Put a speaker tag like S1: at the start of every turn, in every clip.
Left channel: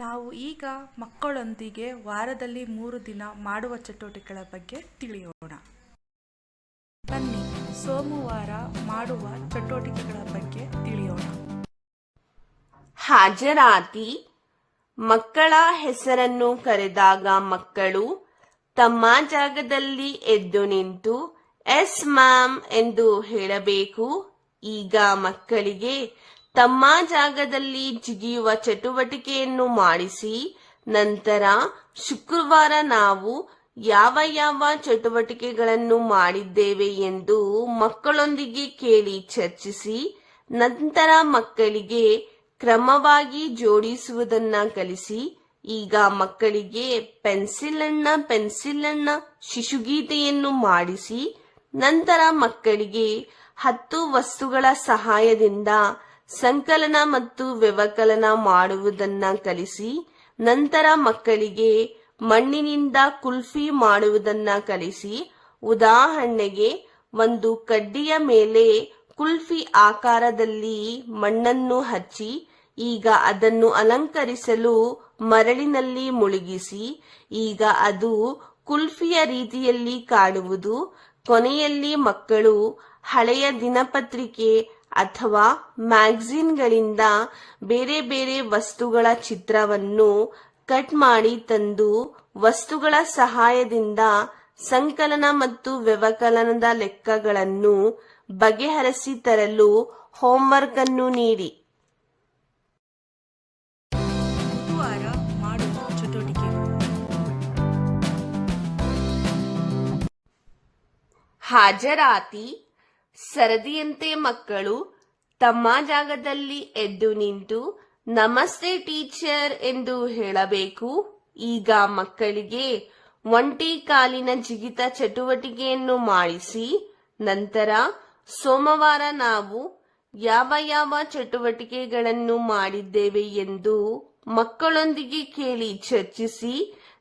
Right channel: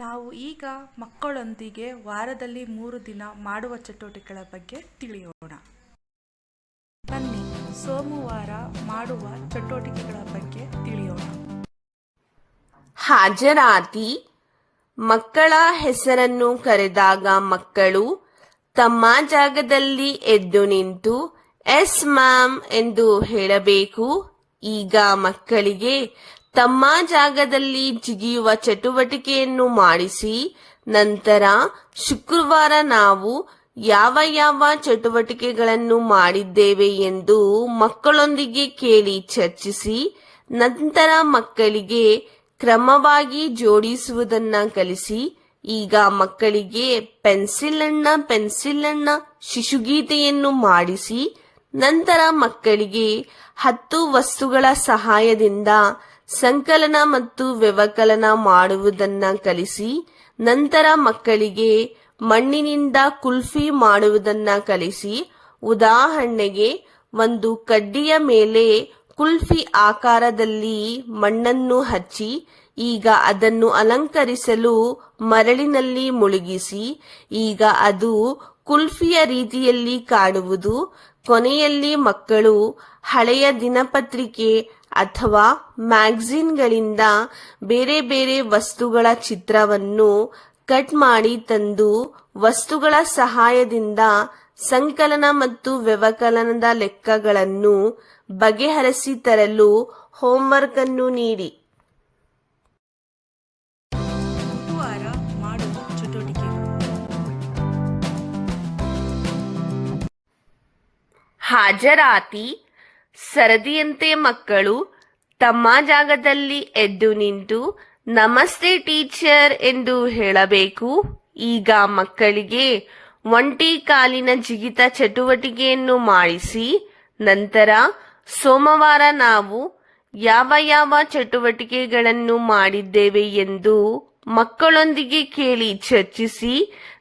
S1: ನಾವು ಈಗ ಮಕ್ಕಳೊಂದಿಗೆ ವಾರದಲ್ಲಿ ಮೂರು ದಿನ ಮಾಡುವ ಚಟುವಟಿಕೆಗಳ ಬಗ್ಗೆ ತಿಳಿಯೋಣ. ಬನ್ನಿ, ಸೋಮವಾರ ಮಾಡುವ ಚಟುವಟಿಕೆಗಳ ಬಗ್ಗೆ ತಿಳಿಯೋಣ.
S2: ಹಾಜರಾತಿ ಮಕ್ಕಳ ಹೆಸರನ್ನು ಕರೆದಾಗ ಮಕ್ಕಳು ತಮ್ಮ ಜಾಗದಲ್ಲಿ ಎದ್ದು ನಿಂತು, ಎಸ್ ಮ್ಯಾಮ್ ಎಂದು ಹೇಳಬೇಕು. ಈಗ ಮಕ್ಕಳಿಗೆ ತಮ್ಮ ಜಾಗದಲ್ಲಿ ಜಿಗಿಯುವ ಚಟುವಟಿಕೆಯನ್ನು ಮಾಡಿಸಿ, ನಂತರ ಶುಕ್ರವಾರ ನಾವು ಯಾವ ಯಾವ ಚಟುವಟಿಕೆಗಳನ್ನು ಮಾಡಿದ್ದೇವೆ ಎಂದು ಮಕ್ಕಳೊಂದಿಗೆ ಕೇಳಿ ಚರ್ಚಿಸಿ, ನಂತರ ಮಕ್ಕಳಿಗೆ ಕ್ರಮವಾಗಿ ಜೋಡಿಸುವುದನ್ನ ಕಲಿಸಿ, ಈಗ ಮಕ್ಕಳಿಗೆ ಪೆನ್ಸಿಲ್ ಅಣ್ಣ ಪೆನ್ಸಿಲ್ ಅಣ್ಣ ಶಿಶುಗೀತೆಯನ್ನು ಮಾಡಿಸಿ, ನಂತರ ಮಕ್ಕಳಿಗೆ ಹತ್ತು ವಸ್ತುಗಳ ಸಹಾಯದಿಂದ ಸಂಕಲನ ಮತ್ತು ವ್ಯವಕಲನ ಮಾಡುವುದನ್ನ ಕಲಿಸಿ, ನಂತರ ಮಕ್ಕಳಿಗೆ ಮಣ್ಣಿನಿಂದ ಕುಲ್ಫಿ ಮಾಡುವುದನ್ನ ಕಲಿಸಿ, ಉದಾಹರಣೆಗೆ ಒಂದು ಕಡ್ಡಿಯ ಮೇಲೆ ಕುಲ್ಫಿ ಆಕಾರದಲ್ಲಿ ಮಣ್ಣನ್ನು ಹಚ್ಚಿ, ಈಗ ಅದನ್ನು ಅಲಂಕರಿಸಲು ಮರಳಿನಲ್ಲಿ ಮುಳುಗಿಸಿ, ಈಗ ಅದು ಕುಲ್ಫಿಯ ರೀತಿಯಲ್ಲಿ ಕಾಣುವುದು ಕೊನೆಯಲ್ಲಿ ಮಕ್ಕಳು ಹಳೆಯ ದಿನಪತ್ರಿಕೆ ಅಥವಾ ಮ್ಯಾಗ್ಝಿನ್ಗಳಿಂದ ಬೇರೆ ಬೇರೆ ವಸ್ತುಗಳ ಚಿತ್ರವನ್ನು ಕಟ್ ಮಾಡಿ ತಂದು ವಸ್ತುಗಳ ಸಹಾಯದಿಂದ ಸಂಕಲನ ಮತ್ತು ವ್ಯವಕಲನದ ಲೆಕ್ಕಗಳನ್ನು ಬಗೆಹರಿಸಿ ತರಲು ಹೋಮ್ವರ್ಕ್ ಅನ್ನು ನೀಡಿ ಹಾಜರಾತಿ ಸರದಿಯಂತೆ ಮಕ್ಕಳು ತಮ್ಮ ಜಾಗದಲ್ಲಿ ಎದ್ದು ನಿಂತು, ನಮಸ್ತೆ ಟೀಚರ್ ಎಂದು ಹೇಳಬೇಕು. ಈಗ ಮಕ್ಕಳಿಗೆ ಒಂಟಿ ಕಾಲಿನ ಜಿಗಿತ ಚಟುವಟಿಕೆಯನ್ನು ಮಾಡಿಸಿ, ನಂತರ ಸೋಮವಾರ ನಾವು ಯಾವ ಯಾವ ಚಟುವಟಿಕೆಗಳನ್ನು ಮಾಡಿದ್ದೇವೆ ಎಂದು ಮಕ್ಕಳೊಂದಿಗೆ ಕೇಳಿ ಚರ್ಚಿಸಿ,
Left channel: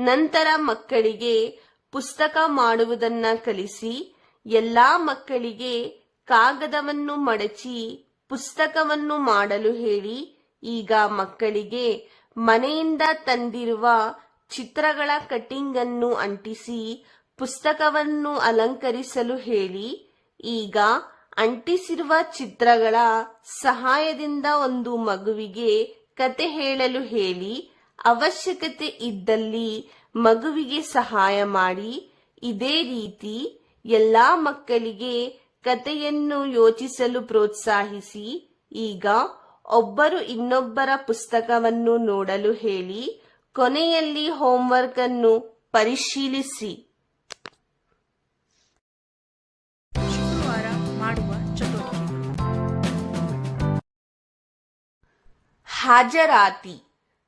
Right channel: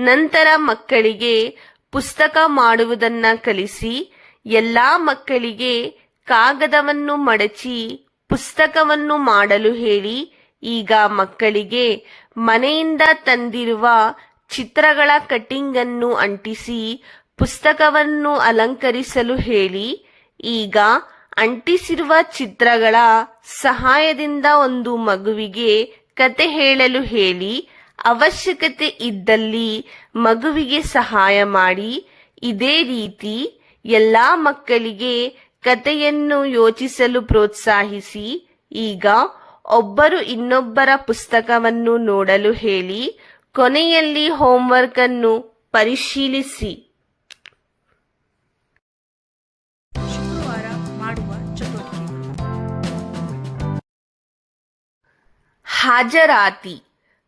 S2: ನಂತರ ಮಕ್ಕಳಿಗೆ ಪುಸ್ತಕ ಮಾಡುವುದನ್ನ ಕಲಿಸಿ ಎಲ್ಲಾ ಮಕ್ಕಳಿಗೆ ಕಾಗದವನ್ನು ಮಡಚಿ ಪುಸ್ತಕವನ್ನು ಮಾಡಲು ಹೇಳಿ, ಈಗ ಮಕ್ಕಳಿಗೆ ಮನೆಯಿಂದ ತಂದಿರುವ ಚಿತ್ರಗಳ ಕಟಿಂಗ್ ಅನ್ನು ಅಂಟಿಸಿ ಪುಸ್ತಕವನ್ನು ಅಲಂಕರಿಸಲು ಹೇಳಿ, ಈಗ ಅಂಟಿಸಿರುವ ಚಿತ್ರಗಳ ಸಹಾಯದಿಂದ ಒಂದು ಮಗುವಿಗೆ ಕತೆ ಹೇಳಲು ಹೇಳಿ, ಅವಶ್ಯಕತೆ ಇದ್ದಲ್ಲಿ ಮಗುವಿಗೆ ಸಹಾಯ ಮಾಡಿ, ಇದೇ ರೀತಿ ಎಲ್ಲಾ ಮಕ್ಕಳಿಗೆ ಕತೆಯನ್ನು ಯೋಚಿಸಲು ಪ್ರೋತ್ಸಾಹಿಸಿ ಈಗ ಒಬ್ಬರು ಇನ್ನೊಬ್ಬರ ಪುಸ್ತಕವನ್ನು ನೋಡಲು ಹೇಳಿ ಕೊನೆಯಲ್ಲಿ ಹೋಮ್ವರ್ಕ್ ಅನ್ನು ಪರಿಶೀಲಿಸಿ.
S1: ಶುಕ್ರವಾರ ಮಾಡುವ ಚಟುವಟಿಕೆಗಳು.
S2: ಹಾಜರಾತಿ.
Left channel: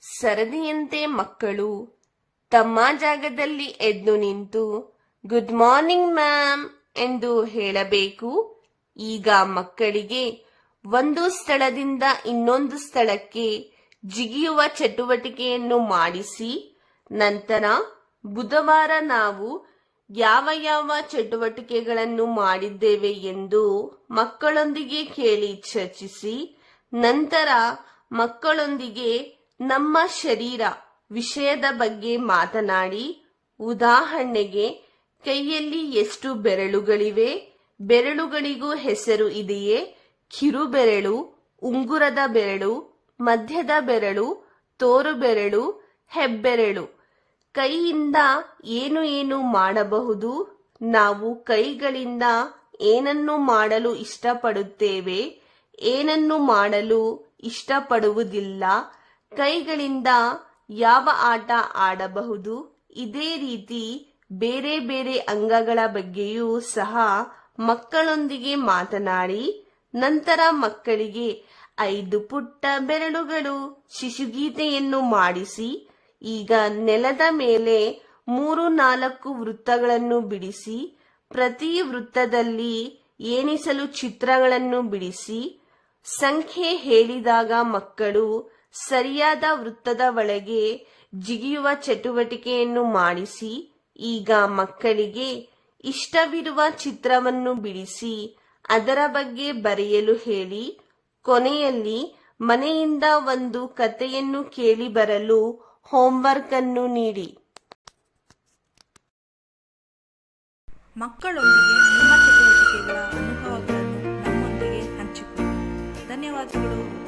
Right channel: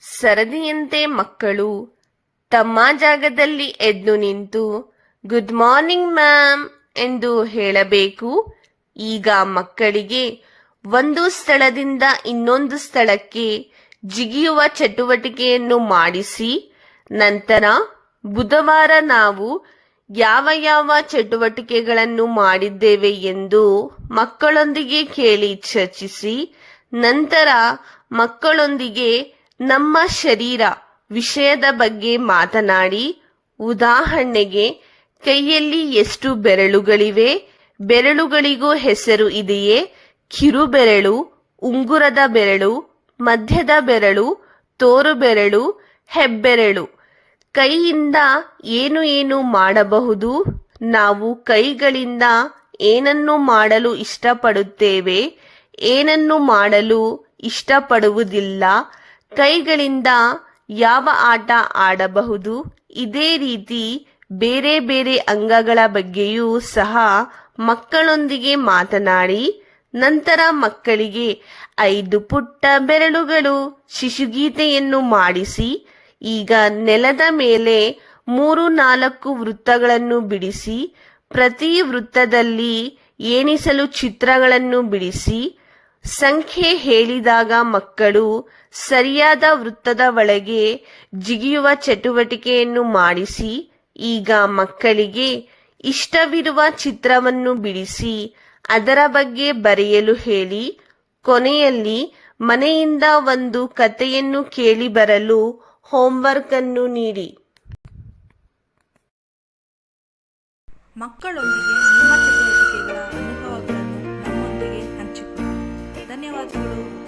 S2: ಸರದಿಯಂತೆ ಮಕ್ಕಳು ತಮ್ಮ ಜಾಗದಲ್ಲಿ ಎದ್ದು ನಿಂತು ಗುಡ್ ಮಾರ್ನಿಂಗ್ ಮ್ಯಾಮ್ ಎಂದು ಹೇಳಬೇಕು. ಈಗ ಮಕ್ಕಳಿಗೆ ಒಂದು ಸ್ಥಳದಿಂದ ಇನ್ನೊಂದು ಸ್ಥಳಕ್ಕೆ ಜಿಗಿಯುವ ಚಟುವಟಿಕೆಯನ್ನು ಮಾಡಿಸಿ. ನಂತರ ಬುಧವಾರ ನಾವು ಯಾವ ಯಾವ ಚಟುವಟಿಕೆಗಳನ್ನು ಮಾಡಿದ್ದೇವೆ ಎಂದು ಮಕ್ಕಳೊಂದಿಗೆ ಕೇಳಿ ಚರ್ಚಿಸಿ. ನಂತರ ಮಕ್ಕಳೊಂದಿಗೆ ನಮ್ಮ ಶರೀರ ವಿಷಯದ ಬಗ್ಗೆ ಮಾತನಾಡಿ. ಉದಾಹರಣೆಗೆ ಕೈಯಲ್ಲಿ ಎಷ್ಟು ಬೆರಳುಗಳಿವೆ? ಬೆರಳುಗಳಿಗೂ ಹೆಸರು ಇದೆಯೇ? ಕಿರುಬೆರಳು, ಉಂಗುರದ ಬೆರಳು, ಮಧ್ಯದ ಬೆರಳು ತೋರು ಬೆರಳು ಹೆಬ್ಬೆರಳು. ಕೈಯಿಂದ ಏನು ಏನು ಮಾಡಬಹುದು? ನಾವು ಕೈಗಳಿಂದ ಏನನ್ನು ಮಾಡಲು ಇಷ್ಟಪಡುತ್ತೇವೆ? ಏನನ್ನು ಮಾಡಲು ಇಷ್ಟಪಡುವುದಿಲ್ಲ? ಕೈಗಳಿಂದ ಯಾವ ಆಟ ಆಡಬಹುದು? ಇದೇ ರೀತಿ ಬೇರೆ ಬೇರೆ ಅಂಗಗಳ ಬಗ್ಗೆಯೂ ಸಹ ಮಕ್ಕಳೊಂದಿಗೆ ಮಾತನಾಡಿ, ನಂತರ ಮಕ್ಕಳಿಗೆ ಐದು ಪುಟ್ಟ ಬೆರಳುಗಳು, ಶಿಶುಗೀತೆಯನ್ನು ಮಾಡಿಸಿ, ಈಗ ನೆಲದ ಮೇಲೆ ಮೂರು ನಾಲ್ಕು ವೃತ್ತಗಳನ್ನು ಬಿಡಿಸಿ, ಪ್ರತಿ ವೃತ್ತದಲ್ಲಿ ಏಣಿಸಲು ಚಿತ್ರಗಳನ್ನು ಬಿಡಿಸಿ, ಸಂಖ್ಯೆ ಹೇಳಿದಾಗ ಮಕ್ಕಳು ಸರಿಯಾದ ವೃತ್ತದ ಒಳಗೆ ಜಿಗಿಯುವ ಚಟುವಟಿಕೆಯನ್ನು ಮಾಡಿಸಿ ಈಗ ಮಕ್ಕಳಿಗೆ ಇಷ್ಟವಿರುವ ಚಿತ್ರವನ್ನು ಬಿಡಿಸಿ ಅದರ ಬಗ್ಗೆ ಬರೆಯಲು ಹೇಳಿ. ಕೊನೆಯಲ್ಲಿ ಮನೆಯಿಂದ ಒಂದು ಕಥೆಯನ್ನು ಕೇಳಿ ಬರಲು ಹೋಮ್ವರ್ಕ್ ಅನ್ನು ನೀಡಿ.
S1: ಮಕ್ಕಳೊಂದಿಗೆ ನಿಮ್ಮ ಚಟುವಟಿಕೆಗಳ ಅನುಭವಗಳನ್ನು ನಮ್ಮೊಂದಿಗೆ ಹಂಚಿಕೊಳ್ಳಿ. ಧನ್ಯವಾದಗಳು.